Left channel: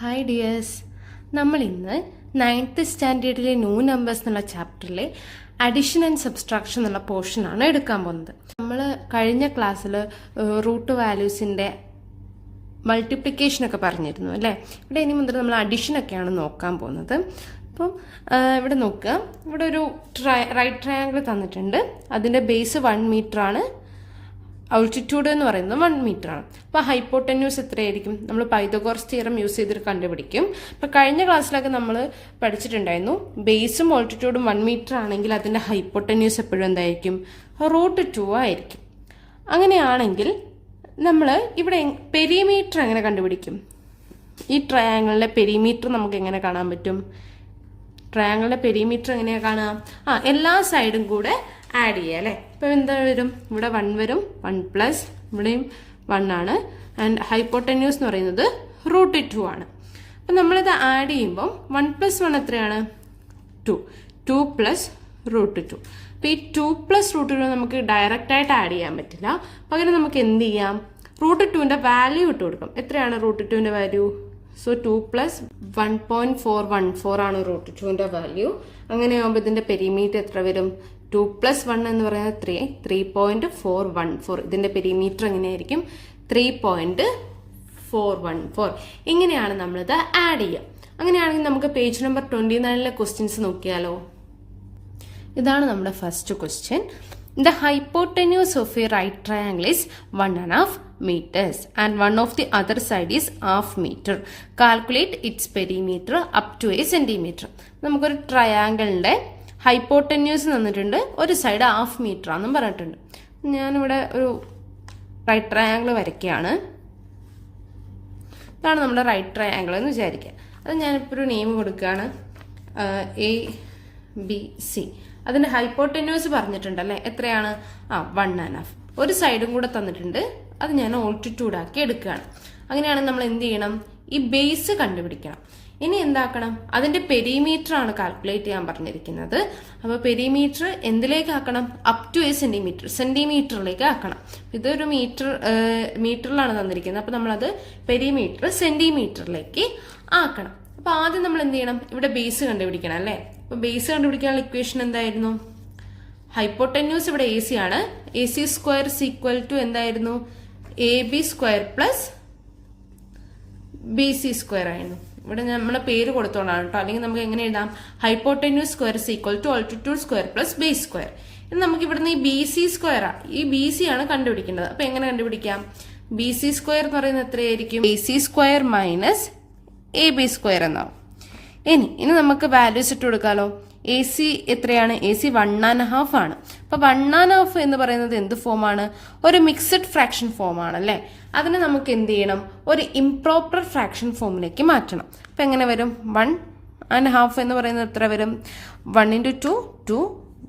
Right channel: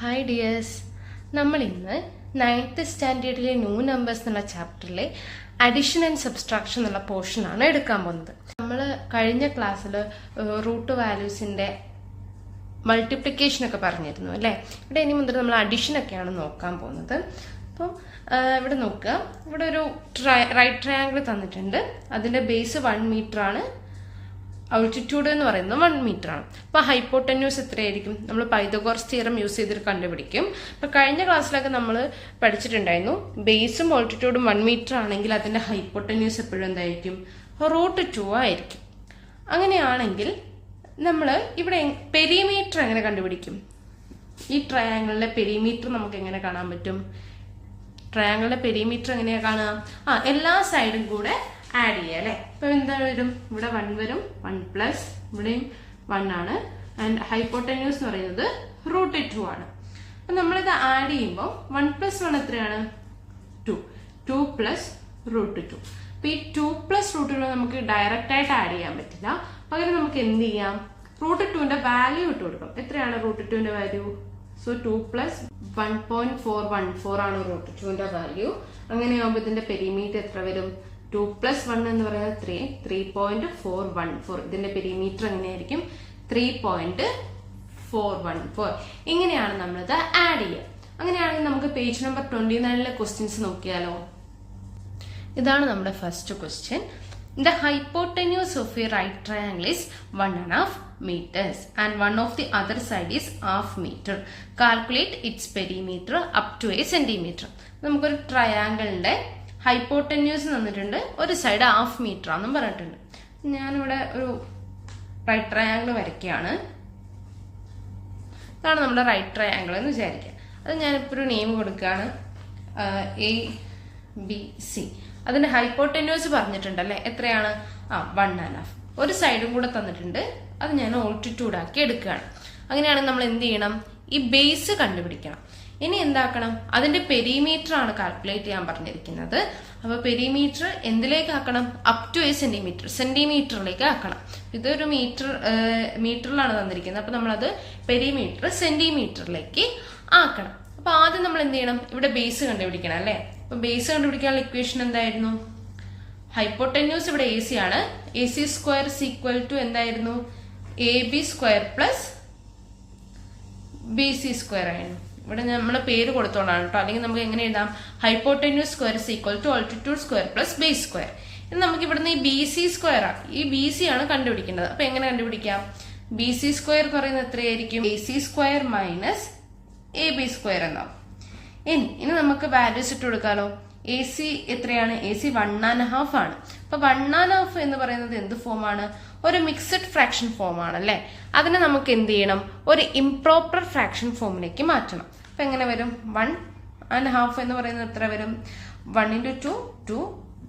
Hi dears, നമ്മൾ ഇന്ന് 9th സ്റ്റാൻഡേർഡിലെ new numbers എന്നുള്ള ചാപ്റ്ററിലെ അഡിഷൻ ആൻഡ് സബ്സ്ട്രാക്ഷൻ എന്നുള്ള പോർഷനാണ് എടുക്കാൻ പോകുന്നത്. നമ്മൾ കഴിഞ്ഞ ക്ലാസ്സിൽ റൂട്ട് വാല്യൂസിന്റെ മൾട്ടിപ്ലിക്കേഷൻ ഒക്കെ പറഞ്ഞിരുന്നു അല്ലേ. ഇവിടെ ഇനി മുതൽ നമ്മൾ അഡിഷനൊക്കെയാണ് നോക്കാൻ പോകുന്നത്. അപ്പം ഇവിടെ നോക്കുക, ഇവിടെ ഒരു റൈറ്റ് ട്രയാങ്കിൾ തന്നിട്ടുണ്ട്. അതിന്റെ ബേസ് 1 മീറ്റർ ആണ്, ആൾട്ടിറ്റ്യൂഡ് എന്ന് പറയുന്നത് 1 മീറ്റർ ആണ്. അപ്പൊ ഹൈപ്പോട്ടന്യൂസ് എത്രയായിരിക്കും? നമ്മൾ പൈതഗോറസ് തിയറം യൂസ് ചെയ്തിട്ട് കണ്ടുപിടിക്കും. അപ്പൊ കഴിഞ്ഞ ക്ലാസ്സിലൊക്കെ നമ്മൾ പഠിച്ചിട്ടുണ്ടായിരുന്നു, ബേസും ആൾട്ടിറ്റ്യൂഡും 1 മീറ്റർ ആണെങ്കിൽ അതിന്റെ ഹൈപ്പോട്ടന്യൂസ് എപ്പോഴും എന്തായിരിക്കും? √2 ആയിരിക്കും. അങ്ങനെയാണെങ്കിൽ നമ്മൾ ഇവിടെ പെരിമീറ്റർ എങ്ങനെ കണ്ടുപിടിക്കും? ഈ ട്രയാങ്കിളിലെ പെരിമീറ്റർ നമുക്ക് എങ്ങനെ കാണാൻ പറ്റും? ട്രയാങ്കിളിലെ പെരിമീറ്റർ എങ്ങനെയാ കാണാം? എല്ലാ സൈഡും കൂടെ ആഡ് ചെയ്യുക അല്ലെ. ഇപ്പൊ എന്താ വരും? ഇവിടെ 1 വരും, 1 പ്ലസ് ഇവിടെയും 1 ആണ്. ആൻഡ് ഹൈപ്പോട്ടന്യൂസ് എന്ന് പറയുന്നത് √2 ആണ്. അപ്പൊ നമ്മളിത് ആഡ് ചെയ്യുമ്പോൾ 1 പ്ലസ് 1 എത്രയാണ്? 2 പ്ലസ് √2. അപ്പൊ ഈ 2 പ്ലസ് √2 നമുക്ക് ഡയറക്റ്റ് ആയിട്ട് ആഡ് ചെയ്യാൻ പറ്റില്ല. പകരം നമുക്ക് എന്ത് ചെയ്യാം? √2ന്റെ വാല്യൂ ഇട്ട് കൊടുക്കാം. എത്രയാണ് √2ന്റെ വാല്യൂ? സോ 2 പ്ലസ് 1.414 ആണ് √2ന്റെ വാല്യൂ. അങ്ങനെയാകുമ്പോൾ ഇതിന്റെ പെരിമീറ്റർ എത്ര വരും? 2 പ്ലസ് 1 എന്ന് പറയുന്നത് 3.414. ഇതിന്റെ പെരിമീറ്റർ എങ്ങനെയായിരിക്കും? 3.414. ഇങ്ങനെയാണ് നമ്മളിത് ആഡ് ചെയ്യുക. അങ്ങനെയാണെങ്കിൽ നമുക്ക് പേജ് നമ്പർ 29 ക്വസ്റ്റ്യൻസ് നോക്കിയാലോ. ഇതാണ് നമ്മുടെ first question. The hypotenuse of a right triangle is 1.5 meters and one of the other side is half meter. Calculate its perimeter up to a centimeter. നമുക്കൊരു ട്രയാങ്കിളിന്റെ ഹൈപ്പോട്ടന്യൂസ് തന്നിട്ടുണ്ട്, ഒരു സൈഡ് 1/2 മീറ്റർ ആണെന്നും പറഞ്ഞിട്ടുണ്ട്. ഞാനിവിടെ ഒരു റൈറ്റ് ട്രയാങ്കിൾ വരയ്ക്കുകയാണ്. ഇതാണ് നമ്മുടെ റൈറ്റ് ട്രയാങ്കിൾ എന്ന് വിചാരിക്കുക. അത് ഞാനിപ്പോൾ ഒരു നെയിം കൊടുക്കുകയാണ്, ABC. അതിന്റെ ഹൈപ്പോട്ടന്യൂസ് പറഞ്ഞിട്ടുണ്ടല്ലേ, എത്രയാണ്? 1.5. ഒരു സൈഡും കൂടെ തന്നിട്ടുണ്ട്, അത് ഞാൻ ആൾട്ടിറ്റ്യൂഡ് ആക്കി എടുക്കുകയാണ്. അങ്ങനെയാണെങ്കിൽ നമ്മൾ എന്ത് ചെയ്യണം? ഈ ബേസ് കണ്ടുപിടിക്കണം. ഇനി എന്താക്കണം? അതിന്റെ പെരിമീറ്റർ ആണ് കാൽക്കുലേറ്റ് ചെയ്യാൻ പറഞ്ഞിരിക്കുന്നത്. അപ്പൊ പെരിമീറ്റർ എന്തിലേക്ക് ആക്കണം? അപ് ടു എ സെന്റിമീറ്റർ, സെന്റിമീറ്ററിലേക്ക് ആക്കണം. ഇതൊരു മീറ്ററിലാണ് തന്നിരിക്കുന്നത്. അപ്പൊ നമ്മളത് പെരിമീറ്റർ സെന്റിമീറ്ററിലേക്ക് ആക്കണം. അപ്പൊ ആദ്യം നമ്മൾ എന്ത് ചെയ്യണം? ഇവിടെ ബേസ് കണ്ടുപിടിക്കണം അല്ലെ. അപ്പൊ ബേസ് കണ്ടുപിടിക്കാനുള്ള ഇക്വേഷൻ എന്തായിരുന്നു? ഹൈപ്പോട്ടന്യൂസ് ഇവിടെ AC ആണ്. AC സ്ക്വയർ ഈക്വൽ ടു എന്തായിരുന്നു? AB square plus BC square ആയിരുന്നു. ഇവിടെ നമ്മുടെ പേര് കൊടുത്തോളാണ് കേട്ടോ, അല്ലെങ്കിൽ നമുക്ക് എങ്ങനെ എഴുതാം? Hypotenuse square equal to altitude square plus base square. ഇത് നമുക്ക് ഇവിടുന്ന് ഈ BC സ്ക്വയർ ഈ BC ആണ് കണ്ടുപിടിക്കേണ്ടത്. അപ്പൊ എങ്ങനെ കണ്ടുപിടിക്കാം? BC സ്ക്വയർ എന്ന് പറയുന്നത് എത്രയായിരിക്കും? AC square minus AB square എന്നാവും. ഇനി നമുക്ക് വാല്യൂസ് ഇട്ട് കൊടുക്കാലോ. AC എത്രയാണ്? AC 1.5 ആണ്. അപ്പൊ 1.5 എന്ന് പറയുന്നത് എന്ത് ഫോമാണ്? ഒരു മിക്സഡ് ഫ്രാക്ഷൻ ഫോം ആണ് അല്ലെ. അതിനെ നമുക്ക് എന്ത് ചെയ്യണം? ഒരു ഇംപ്രോപ്പർ ഫ്രാക്ഷൻ ഫോമിലേക്ക് മാറ്റണം. അപ്പൊ എങ്ങനെ വരും? 1.5 എന്ന് പറയുന്നത് എത്ര വരും? 1 into 2, 2,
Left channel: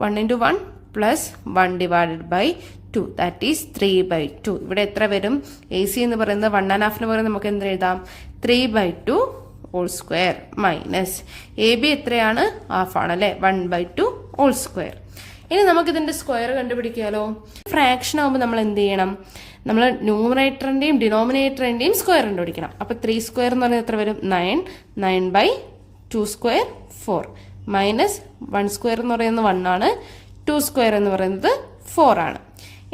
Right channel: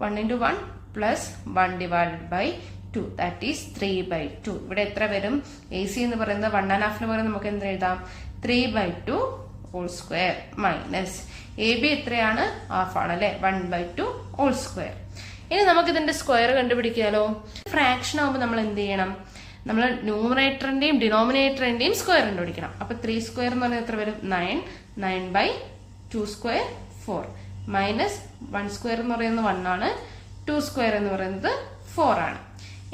1 into 1 plus 1 divided by 2, that is 3/2. ഇവിടെ എത്ര വരും? AC എന്ന് പറയുന്നത് 1.5 എന്ന് പറയുന്നത് നമുക്ക് എന്ത് എഴുതാം? 3/2 ഹോൾ സ്ക്വയർ മൈനസ് AB എത്രയാണ്? ഹാഫ് ആണ് അല്ലെ, 1/2 ഹോൾ സ്ക്വയർ. ഇനി നമുക്ക് ഇതിന്റെ സ്ക്വയർ കണ്ടുപിടിക്കാലോ. ഫ്രാക്ഷൻ ആകുമ്പോൾ നമ്മൾ എന്ത് ചെയ്യണം? നമ്മൾ ന്യൂമറേറ്ററിന്റെയും ഡിനോമിനേറ്ററിന്റെയും സ്ക്വയർ കണ്ടുപിടിക്കണം. അപ്പൊ 3 സ്ക്വയർ എന്ന് പറയുന്നത് എത്ര വരും? 9. 9/2 സ്ക്വയർ 4 മൈനസ് 1 സ്ക്വയർ എന്ന് പറയുന്നത് 1 ആണ്, 2 സ്ക്വയർ എന്ന് പറയുന്നത് 4 ആണ്.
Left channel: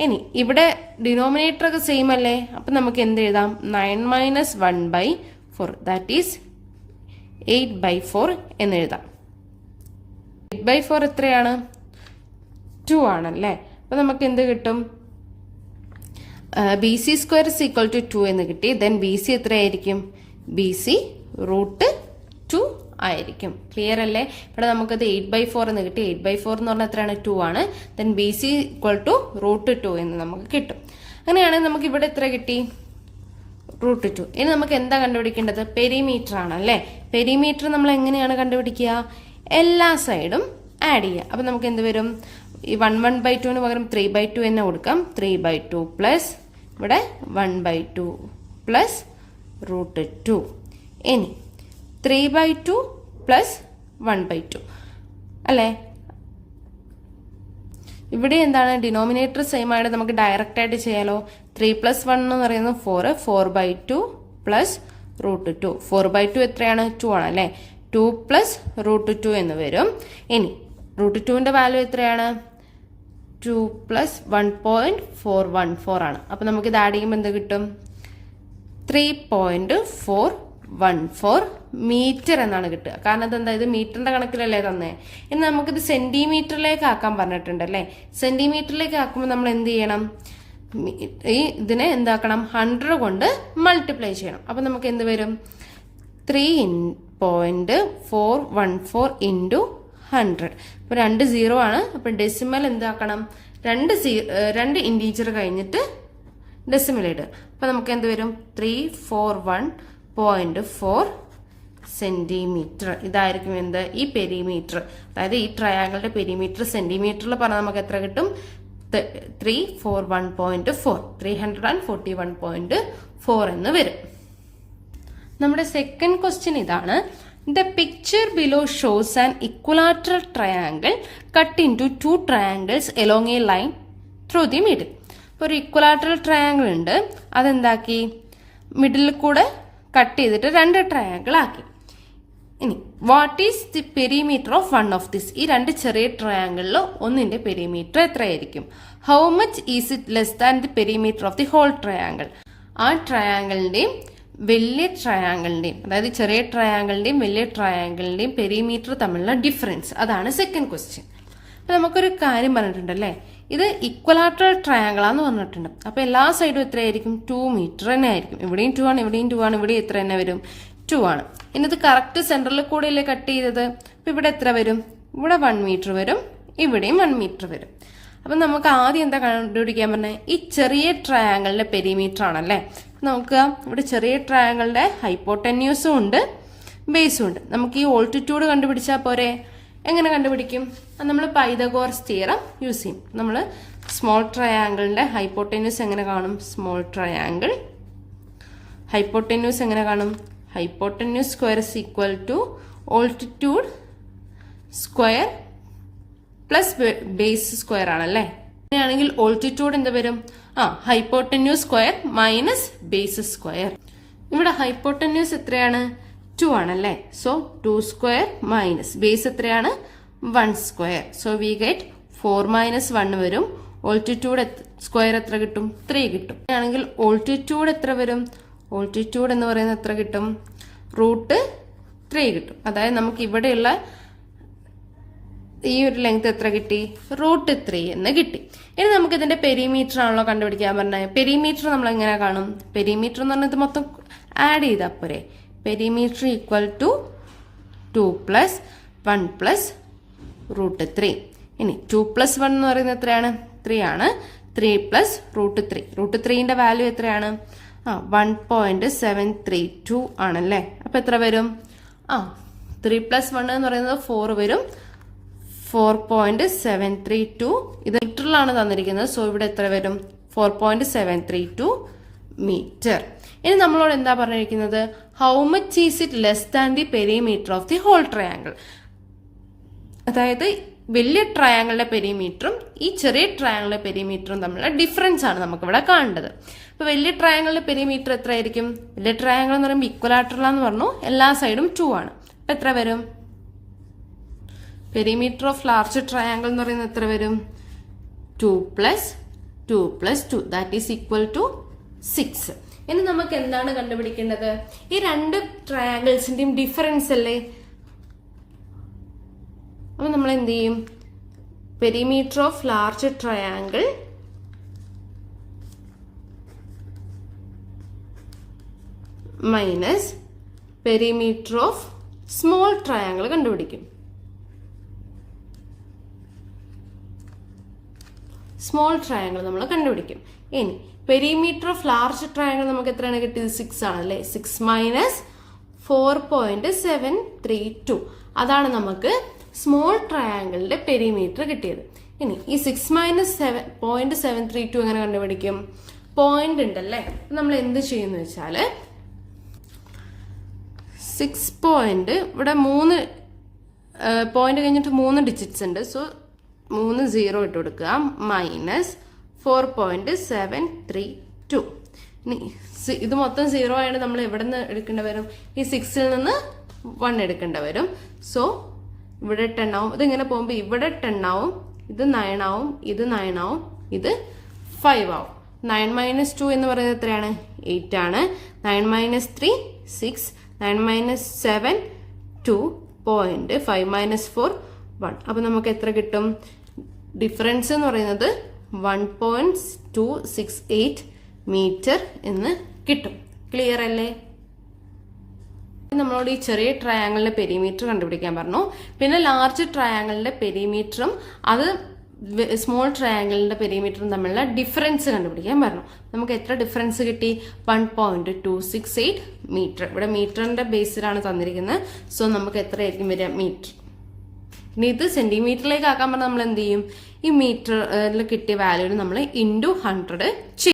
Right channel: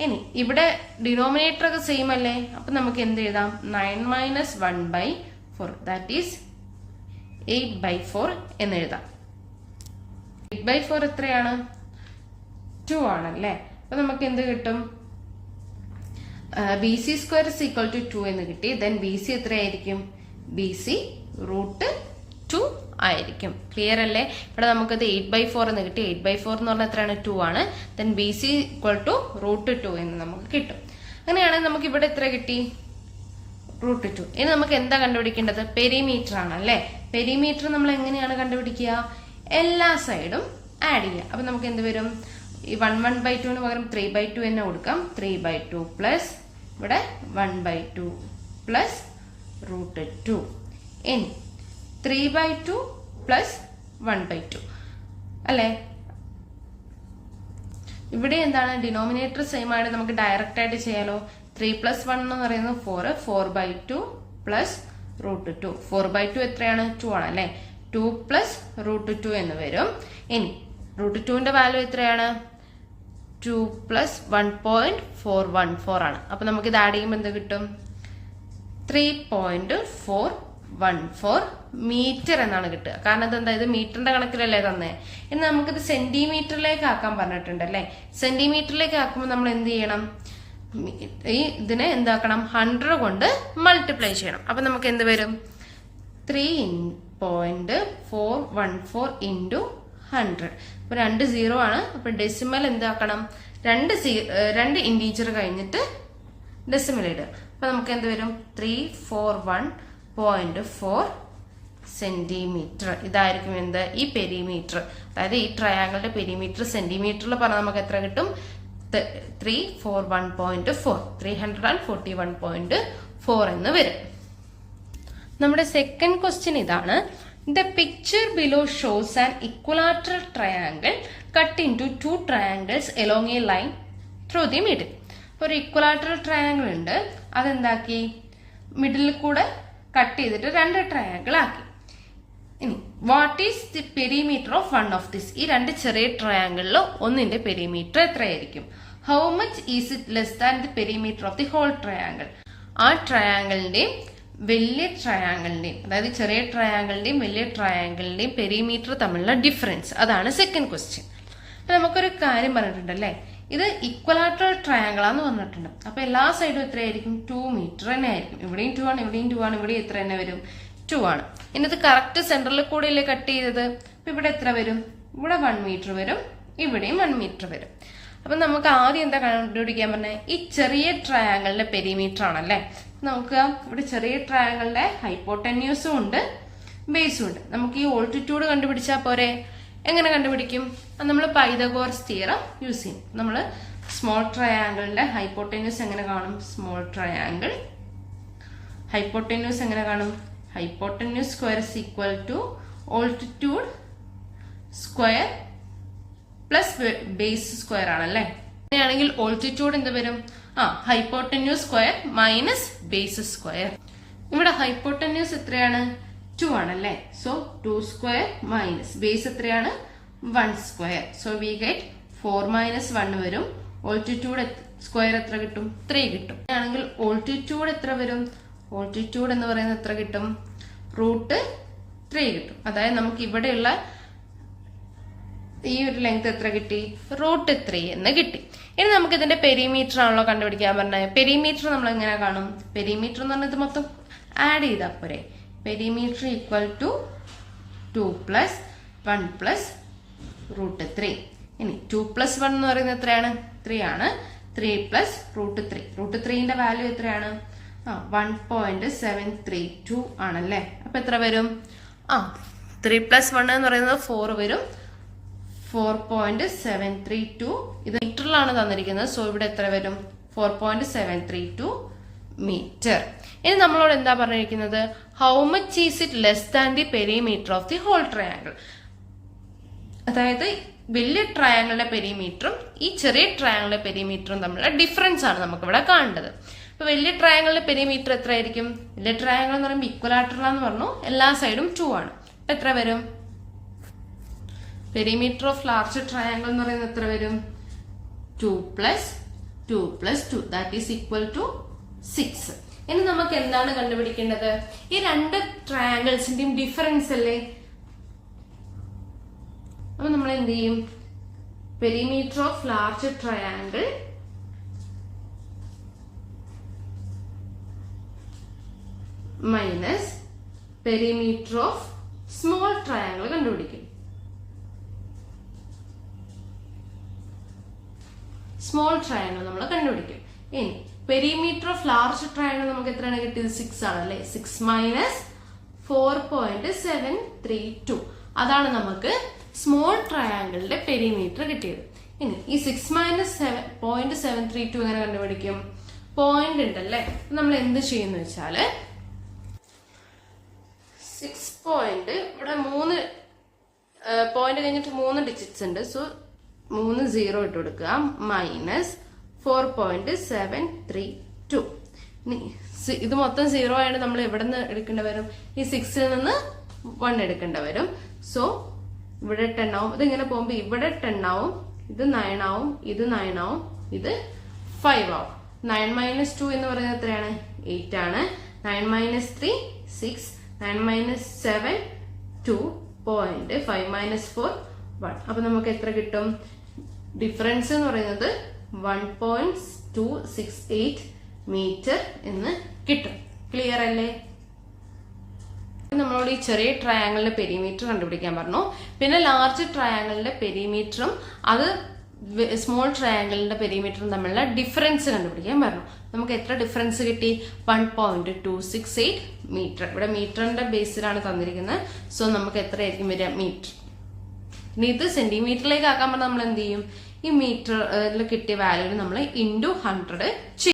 ഇനി ഇവിടെ ഡിനോമിനേറ്റർ ഒക്കെ സെയിം അല്ലേ. അപ്പൊ നമുക്ക് എന്ത് എഴുതാം? 9 മൈനസ് 1/4, ദാറ്റ് ഈസ് 8/4 എന്ന് എഴുതാം. 8/4 എത്രയാണ്? 2 ആണല്ലേ. അപ്പൊ നമുക്ക് എന്ത് കിട്ടും? BC സ്ക്വയർ ഈക്വൽ ടു 2 എന്ന് കിട്ടി. ദെൻ BC എത്രയായിരിക്കും? BC √2 ആയിരിക്കും. ക്ലിയർ അല്ലേ? ഇവിടെ നമുക്കത് 8/4 എന്ന് കിട്ടി. 8/4 എന്ന് പറഞ്ഞാൽ എത്രയാണ്? 2 ആണ്. ദെൻ BC ഈക്വൽ ടു √2 എന്ന് നമുക്ക് കിട്ടും. അങ്ങനെയാണെങ്കിൽ നമുക്ക് ഇവിടെ എത്ര കിട്ടി? √2. ഇനി നമുക്ക് എന്താ കണ്ടുപിടിക്കേണ്ടത്? പെരിമീറ്റർ ആണ് അല്ലെ. പെരിമീറ്റർ നമ്മൾ എങ്ങനെയാണ് കണ്ടുപിടിക്കുക? എല്ലാ സൈഡും ആഡ് ചെയ്യുക. അപ്പൊ നമുക്ക് എന്ത് വരും? ഈ 1/2 പകരം 3/2 എന്ന് കൊടുക്കാം. 3/2 പ്ലസ് ഇവിടെ 1/2 പ്ലസ് √2. ഇനി 3/2 പ്ലസ് 1/2 അല്ലെ. ഇവിടെ എന്താണ്? ഡിനോമിനേറ്റർ സെയിം ആയിട്ട് നമുക്ക് ഡയറക്റ്റ് ആയിട്ട് ചെയ്യാലോ. 3 + 1 എന്ന് പറയുന്നത് 4, 4/2 പ്ലസ് √2. 4/2 എത്രയാണ്? 2 ആണ് അല്ലേ? 2 പ്ലസ് √2 എന്ന് വരും. ഇനി √2ന്റെ വാല്യൂ എത്രയാണ്? 2 പ്ലസ് 1.414 ആണ്. അപ്പൊ നമുക്ക് ഇത് ആഡ് ചെയ്യുമ്പോൾ എന്ത് കിട്ടും? 3.414 മീറ്റർ എന്നാണ് കിട്ടുക. കാരണം അതെന്താ, ഇത് മീറ്ററിന്റെ കണക്കിലല്ലേ തന്നെ. ഇനി നമുക്കിത് സെന്റിമീറ്ററിലേക്ക് ആക്കാൻ പറഞ്ഞിട്ടുണ്ട് അല്ലേ? സെന്റിമീറ്ററിലേക്ക് ആക്കുമ്പോൾ നമ്മൾ എന്ത് ചെയ്യണം? ഇതിനെ എന്താക്കണം? 100 കൊണ്ട് മൾട്ടിപ്ലൈ ചെയ്യണം. അപ്പൊ നമുക്ക് എന്ത് വരും? 3.414 ഇൻറ്റു 100. അപ്പൊ 2 0 ആണ്. അപ്പൊ ഡെസിമൽ എന്താക്കണം? 2 ഇൻറ്റീജർ കഴിഞ്ഞിട്ട് ഡെസിമൽ ഇടുക. അപ്പൊ നമുക്ക് എന്ത് വരും? 341.4 സെന്റിമീറ്റർ. ഇതായിരിക്കും എന്ത്? ഈ പെരിമീറ്റർ, അതായത് ഈ ട്രയാങ്കിളുടെ പെരിമീറ്റർ സെന്റിമീറ്ററിൽ പറഞ്ഞാൽ നമുക്ക് എത്ര കിട്ടും? 341.4 341.4 എന്ന് വരും. നമ്മുടെ സെക്കൻഡ് ക്വസ്റ്റ്യൻ ഇതാണ്. The picture below shows an equilateral triangle cut into 2 triangles along a line through the middle. ഇപ്പോൾ ഒരു ഇക്വലാറ്ററൽ ട്രയാങ്കിൾ ഉണ്ട്, അതെന്താക്കി? മിഡിലിൽ കൂടെ കട്ട് ചെയ്തിട്ട് 2 ട്രയാങ്കിൾ ആക്കി. ഇനി what is the perimeter of one of this? ഈ 2 ചെറിയ ട്രയാങ്കിളിൽ ഒന്നിന്റെ പെരിമീറ്റർ എത്രയായിരിക്കും? How much is it less than the perimeter of the whole triangle? ആ ട്രയാങ്കിളിന്റെയും വലിയ ട്രയാങ്കിളിന്റെയും, അതായത് ചെറിയ ട്രയാങ്കിളിന്റെയും വലിയ ട്രയാങ്കിളിന്റെയും പെരിമീറ്റർ തമ്മിലുള്ള ഡിഫറൻസ്, അതാണ് സെക്കൻഡ് ക്വസ്റ്റ്യൻ. അപ്പൊ നമുക്കൊരു കാര്യം പറഞ്ഞിട്ടുണ്ടല്ലേ, ഇത് ഇക്വലാറ്ററൽ ട്രയാങ്കിൾ ആന്ന് പറഞ്ഞിട്ടുണ്ട്. അപ്പൊ എല്ലാ സൈഡും എത്രയായിരിക്കും? 2 മീറ്റർ തന്നെ ആയിരിക്കും. ഇവിടെയും 2 ആണ്, ഇവിടെയും 2 ആണ്, ഇവിടെ എത്ര തന്നെ വരും? 2 ആണ്. ഇന്നത് കറക്റ്റ് സെന്ററിൽ കൂടെ അല്ലേ കട്ട് ചെയ്തത്? അപ്പൊ ഇവിടെ എത്ര വരും? ഇവിടെ 1 മീറ്റർ വരും, ഇവിടെയും 1 മീറ്റർ വരും. അപ്പൊ നമുക്ക് ആദ്യം എന്താ കണ്ടുപിടിക്കാൻ പറഞ്ഞത്? ഈ ചെറിയ ട്രയാങ്കിളിന്റെ പെരിമീറ്റർ ആണല്ലേ. നോക്കുക, ഇവിടെ ചെറിയ ട്രയാങ്കിളിന്റെ ഹൈപ്പോട്ടന്യൂസും ഉണ്ട്, ബേസും ഉണ്ട്. നമുക്ക് ഈ ഓൾട്ടിറ്റ്യൂഡ് കണ്ടുപിടിച്ചാൽ പോരെ? എങ്ങനെ കണ്ടുപിടിക്കും? നമ്മൾ പൈതഗോറസ് തിയറം യൂസ് ചെയ്യും. നമ്മൾ സ്മോൾ ട്രയാങ്കിളിന്റെ ഹൈപ്പോട്ടന്യൂസ് എങ്ങനെ കാണും? സ്മോൾ ട്രയാങ്കിൾ ഹൈപ്പോട്ടന്യൂസ് എങ്ങനെ കാണും? Hypotenuse square is equal to altitude square plus base square ആണല്ലേ. അങ്ങനെയാണെങ്കിൽ ഓൾട്ടിറ്റ്യൂഡ് എന്ത് വരും? Hypotenuse square minus base square. ഇവിടെ ഹൈപ്പോട്ടന്യൂസ് എത്രയാണ്? 2 ആണല്ലേ. സോ 2 സ്ക്വയർ മൈനസ് ബേസ് എത്രയാണ്? 1 square. So we get 4 minus 1 വരും. ഓൾട്ടിറ്റ്യൂഡ് സ്ക്വയർ എത്ര കിട്ടും? 3 കിട്ടും. ആണെങ്കിൽ ഓൾട്ടിറ്റ്യൂഡ് എത്ര വരും? ഓൾട്ടിറ്റ്യൂഡ് എന്ന് പറയുന്നത് എത്ര കിട്ടും? √3 കിട്ടും. അതായത് നമുക്ക് ഇവിടെയുള്ള ഈ ഒരു ലെങ്ത് എത്ര കിട്ടി? √3 എന്ന് കിട്ടി. ഇനി നമുക്ക് ഇതിന്റെ പെരിമീറ്റർ ആണല്ലോ കണ്ടുപിടിക്കാൻ പറഞ്ഞത്. പെരിമീറ്റർ നമ്മൾ എങ്ങനെ കാണും? പെരിമീറ്റർ എന്ന് പറഞ്ഞത് മൊത്തം ആഡ് ചെയ്താൽ പോരെ. Perimeter equal to 2 plus 1 plus √3. ഇനി 2 പ്ലസ് 1 എന്ന് പറയുന്നത് എത്രയാണ്? 3 ആണ്. 3 പ്ലസ് √3. √3ന്റെ വാല്യൂ എത്രയാണ്? 1.732 ആണല്ലേ. അപ്പൊ എത്ര വരും? 3 പ്ലസ് 1 എന്ന് പറയുന്നത് 4 വരും. 4.732. ഇത് മീറ്ററിലാണ് തന്നിരിക്കുന്നത്. സോ ഇവിടെ എത്ര വരും? 4.732 മീറ്റർ. ഇനി നമ്മളോട് എന്താ പറഞ്ഞിരിക്കുന്നത്? How much is it less than the perimeter of the whole triangle? അതായത് വലിയ ട്രയാങ്കിളിന്റെ പെരിമീറ്ററും ഈ ചെറിയ ട്രയാങ്കിളിന്റെ പെരിമീറ്ററും തമ്മിലുള്ള ഡിഫറൻസ് ആണ് നമുക്ക് ഇവിടെ കാണേണ്ടത്. ഇപ്പൊ വലിയ ട്രയാങ്കിളിന്റെ പെരിമീറ്റർ എത്ര ആയിരിക്കും? വലിയ ട്രയാങ്കിൾ എന്ന് പറയുമ്പോൾ ഇക്വലാറ്ററലാന്ന് പറഞ്ഞു, എല്ലാ സൈഡും 2 ആണ്. അപ്പൊ എത്ര വരും? പെരിമീറ്റർ ഓഫ് ലാർജ് ട്രയാങ്കിൾ എന്ന് പറയുന്നത് എത്ര വരും? 2 plus 2 plus 2 that is equal to 6. ഇനി നമുക്ക് എന്താണ് കണ്ടുപിടിക്കേണ്ടത്? ഈ 2 ട്രയാങ്കിൾസിന്റെയും ഡിഫറൻസ് അല്ലേ. അപ്പൊ നമ്മൾ എന്ത് ചെയ്യും? Perimeter of large triangle minus perimeter of small triangle കണ്ടുപിടിക്കും. സ്മോൾ ട്രയാങ്കിൾ നമ്മൾ കണ്ടുപിടിക്കും. ഇനി പെരിമീറ്റർ ഓഫ് ലാർജ് ട്രയാങ്കിൾ നമുക്ക് എത്രയാണ് കിട്ടിയത്? 6 ആണല്ലേ. 6 മൈനസ് 4.732 അതാണ് നമുക്ക് സ്മോൾ ട്രയാങ്കിളിന്റെ പെരിമീറ്റർ കിട്ടിയത്. ഇനി ഈ 6 മൈനസ് 0.732 എങ്ങനെ കണ്ടുപിടിക്കും? പോയിന്റ് ഉണ്ടല്ലേ. നമ്മൾ എന്ത് ചെയ്യുന്ന വെച്ചാല് 6 പോയിന്റ് ഇവിടെ 3 പോയിന്റ് കഴിഞ്ഞിട്ട് 3 ഡിജിറ്റ്സ് ഉണ്ട്. സോ 3 0 ഇട്ട് കൊടുക്കുക. മൈനസ് 4.732. ഇത് മൊത്തം 0 ആയിട്ട് നമ്മൾ എവിടെ നിന്ന് എടുക്കേണ്ടി വരും? ഈ 6ൽ നിന്ന് 1 എടുക്കേണ്ടി വരും. സോ ഇവിടെ 10 ആവും. ഇതിങ്ങനെ പോകുമ്പോൾ ഇവിടെ 10 ആവും, ഇത് 9 ആവും, ഇത് 9 ആവും, ഇത് 5 ആവും. 9 - 2 എന്ന് പറയുന്നത് എത്രയാണ്? 8 ആണ്. 9 - 3 6, 9 - 7 2, 5 - 4 1. അപ്പൊ നമുക്ക് എത്ര കിട്ടും? ഡിഫറൻസ് എന്ന് പറയുന്നത് 1.268 മീറ്റർ എന്ന് കിട്ടും. ക്ലിയർ അല്ലേ? നമ്മളോട് ഈ ചെറിയ ട്രയാങ്കിളിന്റെ പെരിമീറ്റർ കണ്ടുപിടിക്കാൻ പറഞ്ഞു. പിന്നെ ലാർജ് ട്രയാങ്കിളിന്റെ പെരിമീറ്ററും അത് സ്മോൾ ട്രയാങ്കിളിന്റെ പെരിമീറ്ററും തമ്മിലുള്ള ഡിഫറൻസ് കണ്ടുപിടിക്കാൻ പറഞ്ഞു. നമുക്ക് എത്ര ഡിഫറൻസ് കിട്ടി? 1.268 മീറ്റർ. ഇവിടെ മീറ്ററിന്റെ ബേസിലാണ് തന്നിരിക്കുന്നത്. സോ നമുക്ക് എത്ര ആയിരിക്കും വരിക? മീറ്റർ. ഇനി ഇത് സെന്റിമീറ്ററിലേക്ക് ആക്കാൻ പറഞ്ഞാൽ നമ്മൾ എന്ത് ചെയ്യും? ഈ മീറ്ററിൽ കിട്ടിയ വാല്യൂവിന് നമ്മൾ × 100 ചെയ്യും.